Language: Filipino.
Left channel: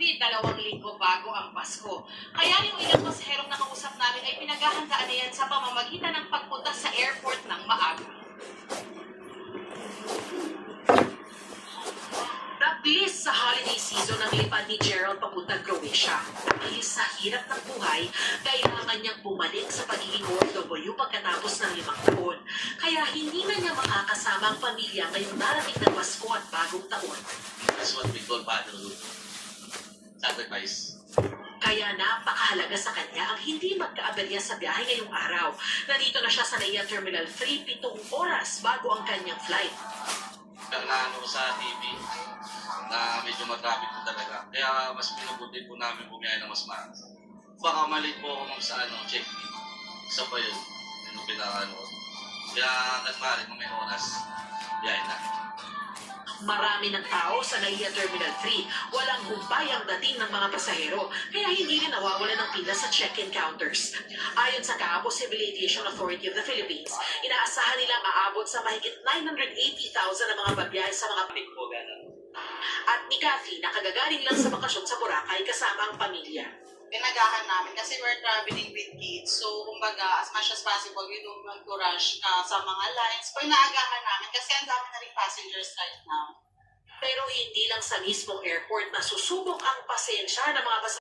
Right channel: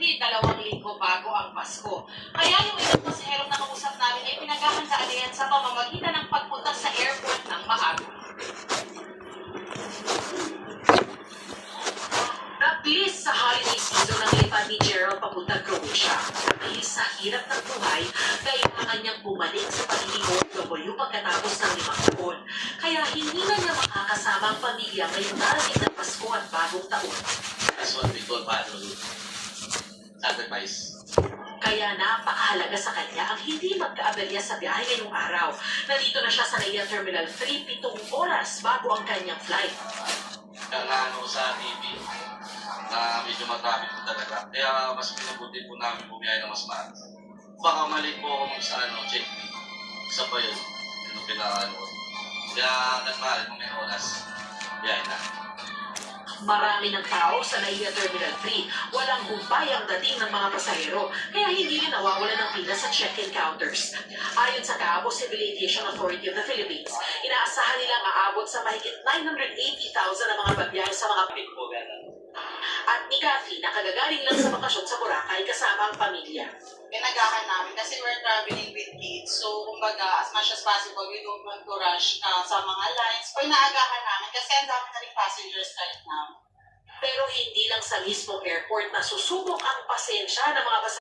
Approximately 2 linggo bago ang Pasko. Kaya yung ilang pasaherong nakausap namin ay pinaghahandaan na yan sa pamamagitan ng pagpunta sa airport ng maaga. Nabilis sa holiday season ang lipad ni Gerald papuntang Croatia. Nabilis sa hirap ng buhay, kailangan niyang bumalik sa pagiging OFW pagkatapos ng 5 taon. Kaya hindi na niya makakasama ang pamilya ngayong darating na Pasko at bagong taon. That's what we call fatherhood. Sacrifice. Kaya napakahalaga sa kanya ang hindi magkaaberya sa biyahe ngayong araw. Nandito na siya sa NAIA Terminal 3, 7 oras bago ang kanyang flight. Ano sa TV, na medyo matraffic po talaga. Kaya mas pinabuti po namin bumiyahe ng mas maaga. Baka mali po akong sa check-in. Isa pa yun. Ano pinakano. Kaya nagmahal mo may oras. Biyahe na. Marami ng tao sa NAIA Terminal 3. Walang gumbayang dating ng mga pasahero, kaya hindi rin nawawalan ng pila sa check-in counters. Ayon sa Cabo Civil Aviation Authority of the Philippines, inaasahan nilang aabot sa mahigit 980,000 na mga babiyahe sa mga Kapit po gano'n. At ni Kathy, nakagagaling lang sa bakasyon sa Boracay kasama ang pamilya. Pinagahan namin kasi we're traveling with kids. So, kumbaga, as much as possible, we don't want to rush sa mga lines. Or naagahan namin kasi ang dami na rin passengers right now. Pero hindi lang sa mismong airport na susubok ang pasensya ng mga pasahero.